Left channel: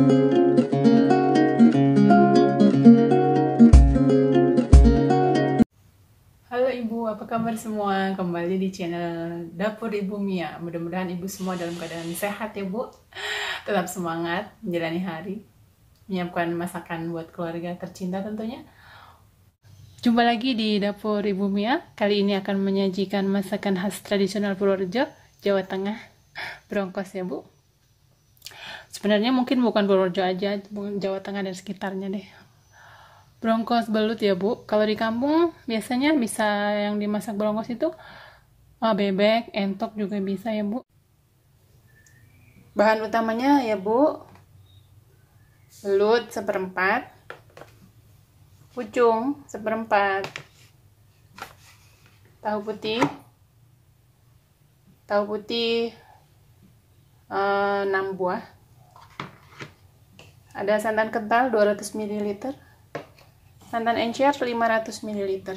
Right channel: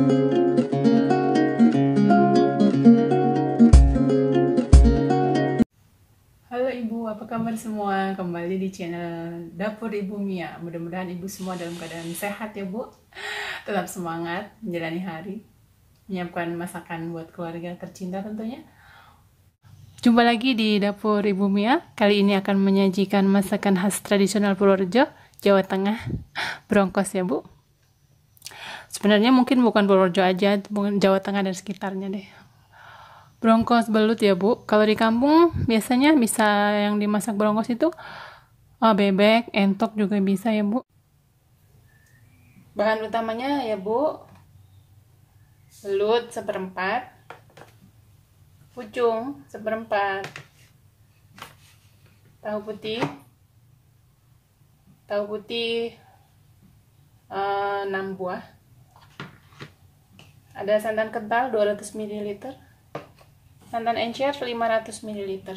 Halo Ibu, apa kabar semua? Kembali di channel Dapur Ibu Mia. Mudah-mudahan Ibu semua dalam keadaan sehat ya Bu. Tetap semangat menjalani hari, menyiapkan masakan buat keluarga tercinta tentunya. Jumpa lagi di Dapur Ibu Mia. Kali ini akan menyajikan masakan khas tradisional Purworejo, Jawa Tengah, bronkos ya Bu. Sebenarnya mungkin bukan Purworejo aja, mungkin Jawa Tengah dan sekitarnya deh. Bronkos belut ya Bu. Kalau di kampung biasanya bisa yang dimasak bronkos itu bebek, entok juga bisa ya Bu. Bahan utamanya ya Bu, belut seperempat, pucung seperempat, tahu putih 6 buah, ada santan kental 200 ml, santan encer 500 ml.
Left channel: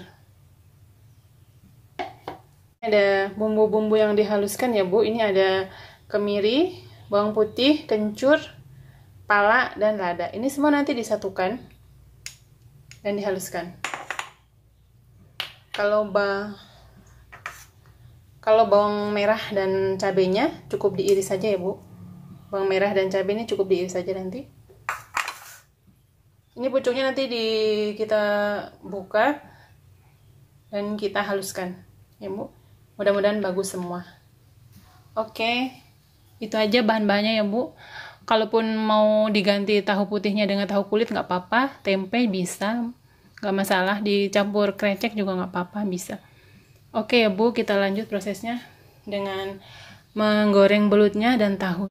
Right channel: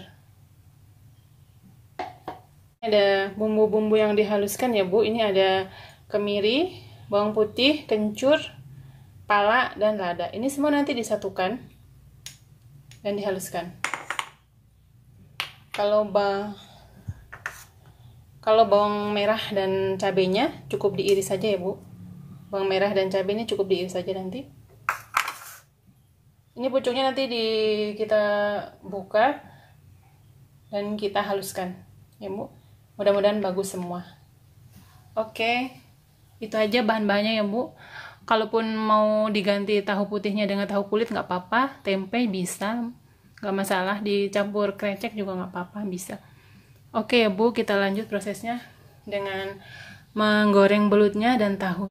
Ada bumbu-bumbu yang dihaluskan ya Bu. Ini ada kemiri, bawang putih, kencur, pala, dan lada. Ini semua nanti disatukan dan dihaluskan. Kalau bawang merah dan cabenya cukup diiris saja ya Bu. Bawang merah dan cabenya cukup diiris saja nanti. Ini pucungnya nanti kita buka dan kita haluskan ya Bu. Mudah-mudahan bagus semua. Oke, itu aja bahan-bahannya ya Bu. Kalaupun mau diganti tahu putihnya dengan tahu kulit nggak apa-apa, tempe bisa, nggak masalah, dicampur krecek juga nggak apa-apa, bisa. Oke ya Bu, kita lanjut prosesnya dengan menggoreng belutnya dan tahu.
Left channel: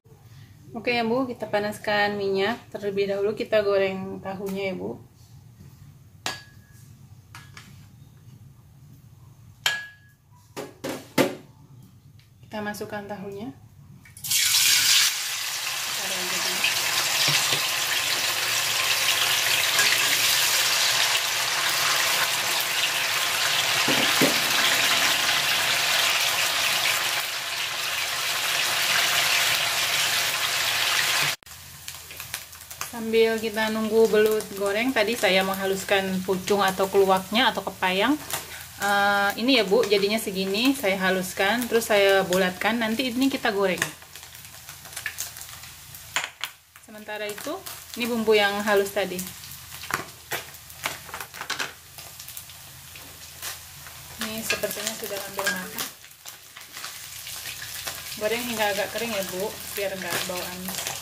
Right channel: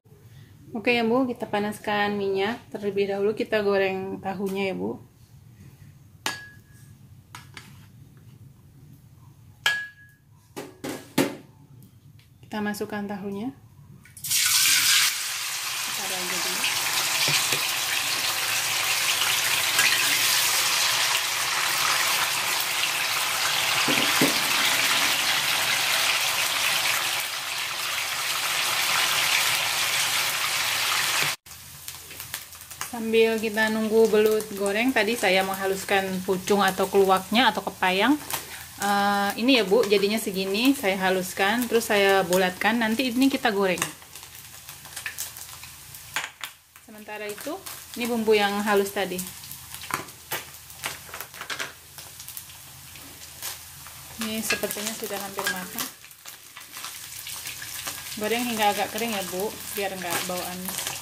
Oke ya Bu, kita panaskan minyak. Terlebih dahulu kita goreng tahunya ya Bu. Kita masukkan tahunya. Sambil kita nunggu belut goreng, tadi saya menghaluskan pucung atau keluaknya atau kepayang. Ini ya Bu, jadinya segini, saya haluskan, terus saya bulatkan, nanti ini kita goreng. Sementara itu, ini bumbu yang halus tadi. Ini sepertinya sudah hampir matang. Goreng hingga agak kering ya Bu, biar nggak bau amis.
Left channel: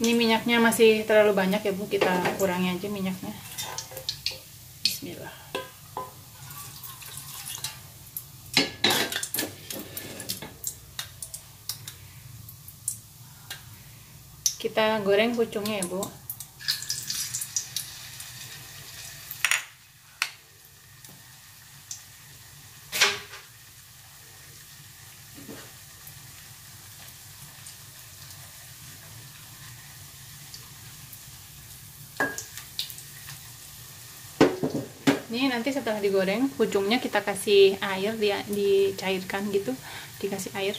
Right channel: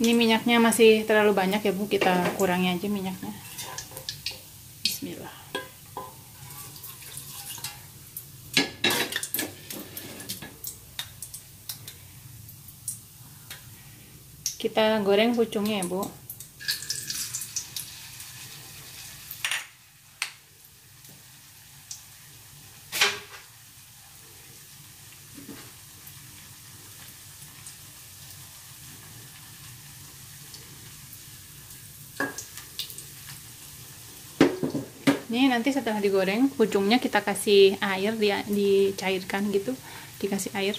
Ini minyaknya masih terlalu banyak ya Bu, kita kurangi aja minyaknya. Bismillah. Kita goreng pucungnya ya Bu. Ini nanti setelah digoreng, pucungnya kita kasih air, dicairkan gitu, dikasih air.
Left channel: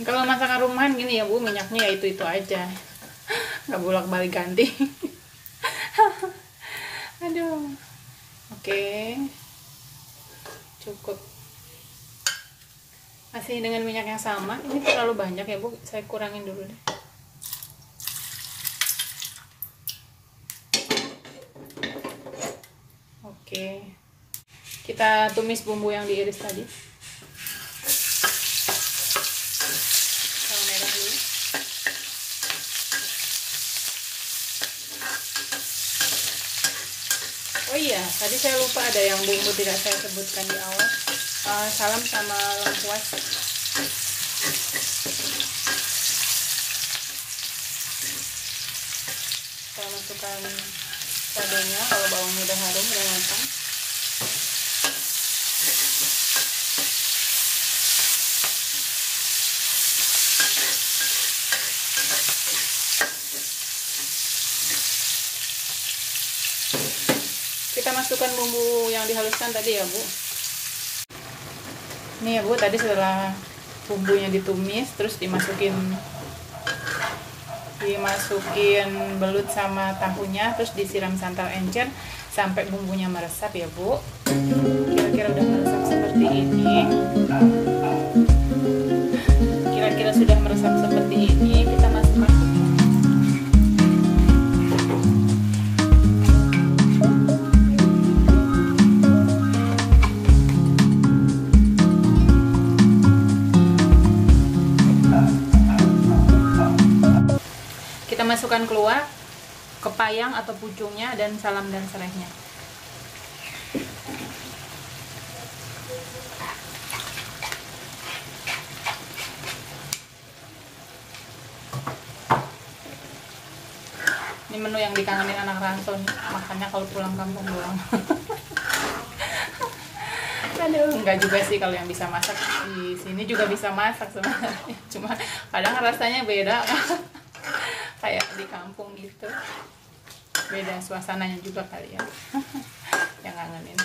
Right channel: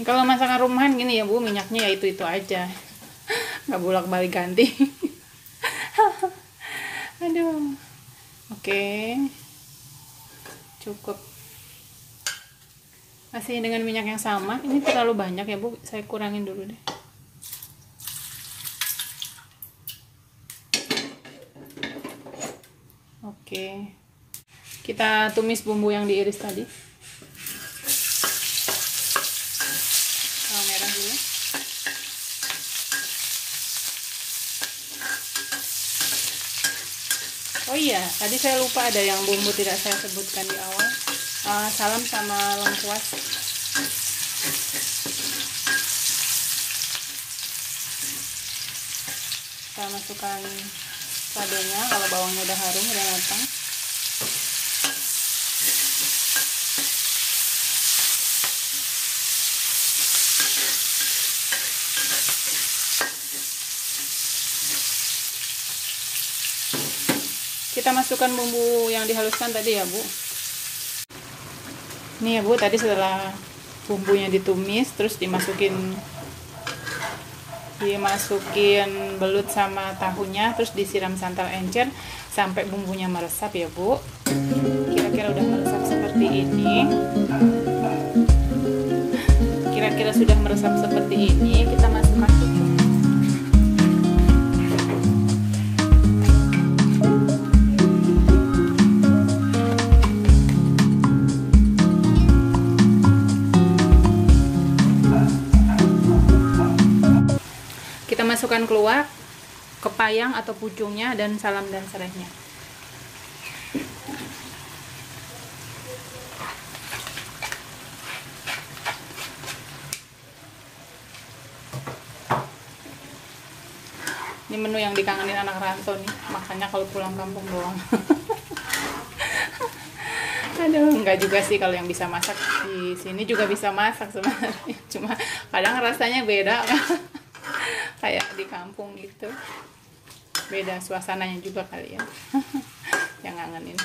Kalau masakan rumahan gini ya Bu, minyaknya ya itu aja, nggak bolak-balik ganti. Aduh. Oke, cukup. Masih dengan minyak yang sama. Ini terlalu banyak ya Bu, saya kurangin dulu deh. Oke, kita tumis bumbu yang diiris tadi. Bawang merah dulu. Oh iya, tadi saya lupa ada yang bumbu tidak saya sebutkan di awal. Salam sama lengkuas. Saya masukkan cabai-nya. Kalau bawangnya udah harum, udah matang. Kita masukkan bumbu yang dihaluskan tadi ya Bu. Nih ya Bu, tadi setelah bumbunya ditumis, terus dimasukin belut sama tahunya, terus disiram santan encer sampai bumbunya meresap ya Bu. Kira-kira udah meresap seperti ini. Kira-kira sudah meresap seperti ini, kita masukkan. Kita masukkan keluak, kepayang atau pucungnya, dan salam dan serehnya. Ini menu yang dikangenin anak rantau nih, makannya kalau pulang kampung doang. Aduh, enggak juga sih, kalau yang bisa masak di sini juga bisa masak sebenarnya. Cuma kadang rasanya beda. Kayak di kampung gitu, beda suasananya juga kali ya. Yang ngangenin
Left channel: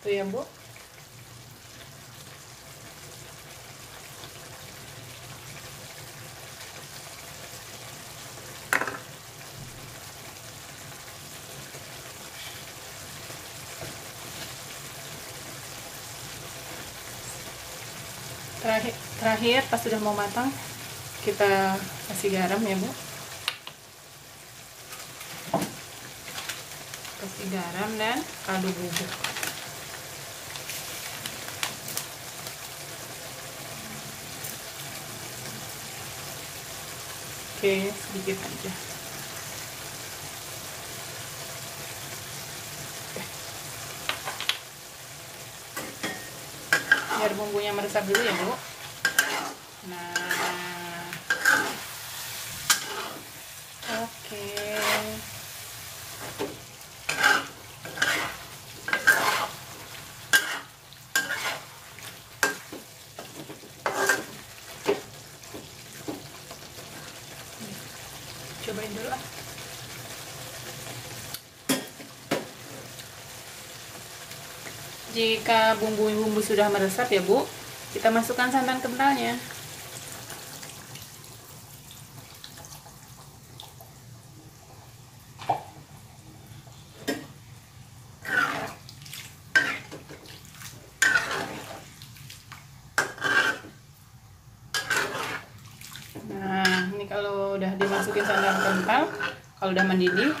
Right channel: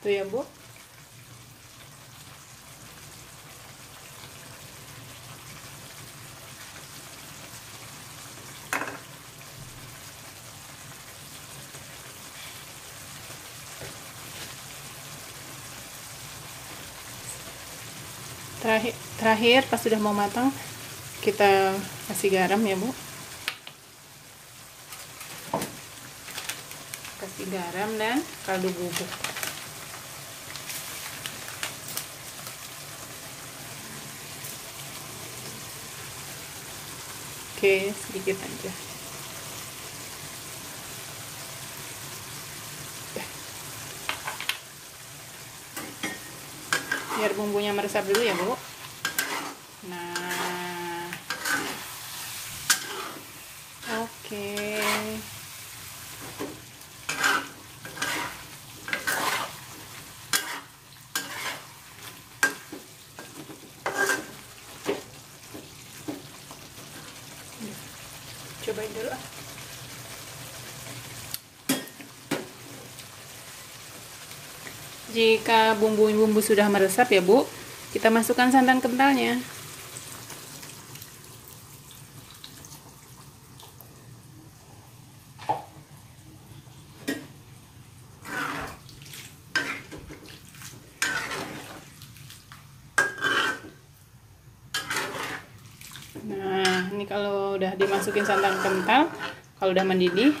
tuh ya Bu. Terakhir pas sudah mau matang, kita kasih garam ya Bu. Kasih garam dan kaldu bubuk. Oke, sedikit aja. Biar bumbunya meresap dulu ya Bu. Nah, oke. Cobain dulu ah. Jika bumbu-bumbu sudah meresap ya Bu, kita masukkan santan kentalnya. Nah, ini kalau udah dimasukin santan kental, kalau udah mendidih,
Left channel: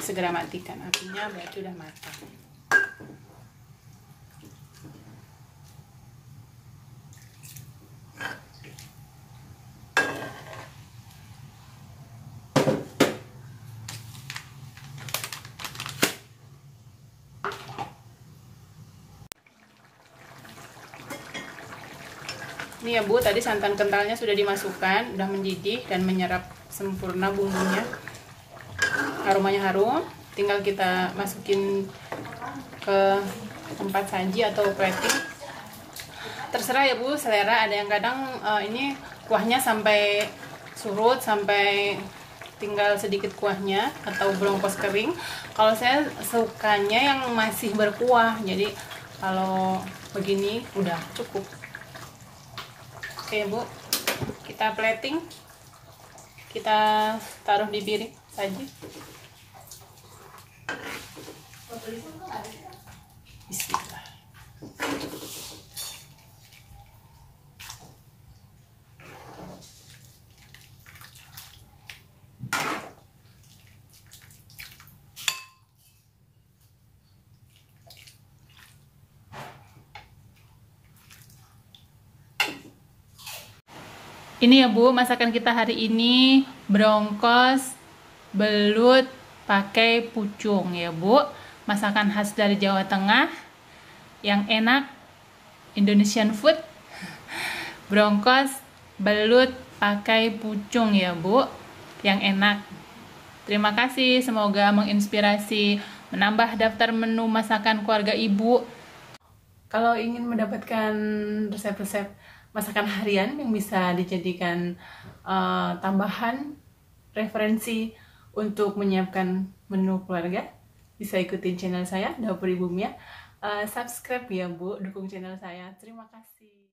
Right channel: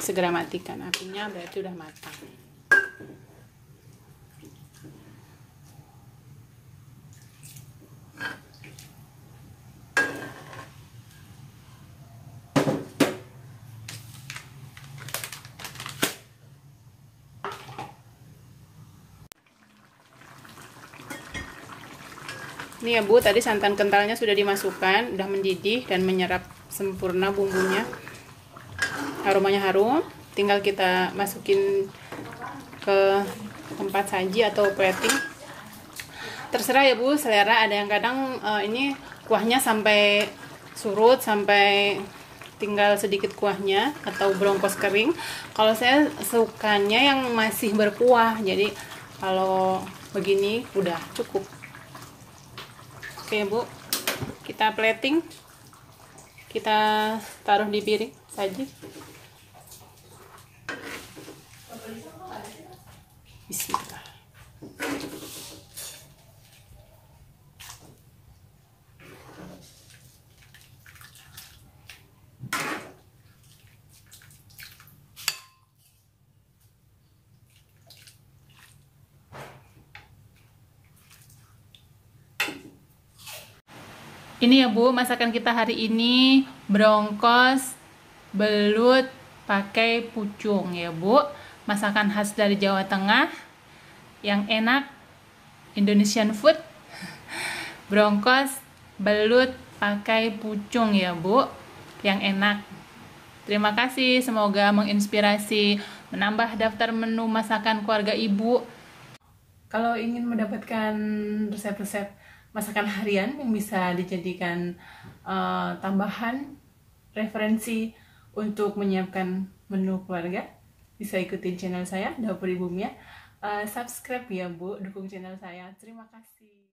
segera matikan apinya, berarti udah matang. Ini ya Bu, tadi santan kentalnya sudah dimasukkan, udah mendidih dan menyerap sempurna bumbunya. Aromanya harum, tinggal kita masukin ke tempat saji atau plating. Terserah ya Bu, selera. Ada yang kadang ini kuahnya sampai surut, sampai tinggal sedikit kuahnya atau brongkos kering. Kalau saya sukanya yang masih berkuah, jadi kalau begini udah cukup. Oke Bu, kita plating, kita taruh di piring saji. Bismillah. Ini ya Bu, masakan kita hari ini brongkos belut pakai pucung ya Bu. Masakan khas dari Jawa Tengah yang enak, Indonesian food. Bronkos belut pakai pucung ya Bu, yang enak. Terima kasih, semoga menginspirasi, menambah daftar menu masakan keluarga Ibu. Kalau ingin mendapatkan resep-resep masakan harian yang bisa dijadikan tambahan referensi untuk menyiapkan menu keluarga, bisa ikutin channel saya, Dapur Ibu Mia. Subscribe ya Bu, dukung channel saya. Terima kasih.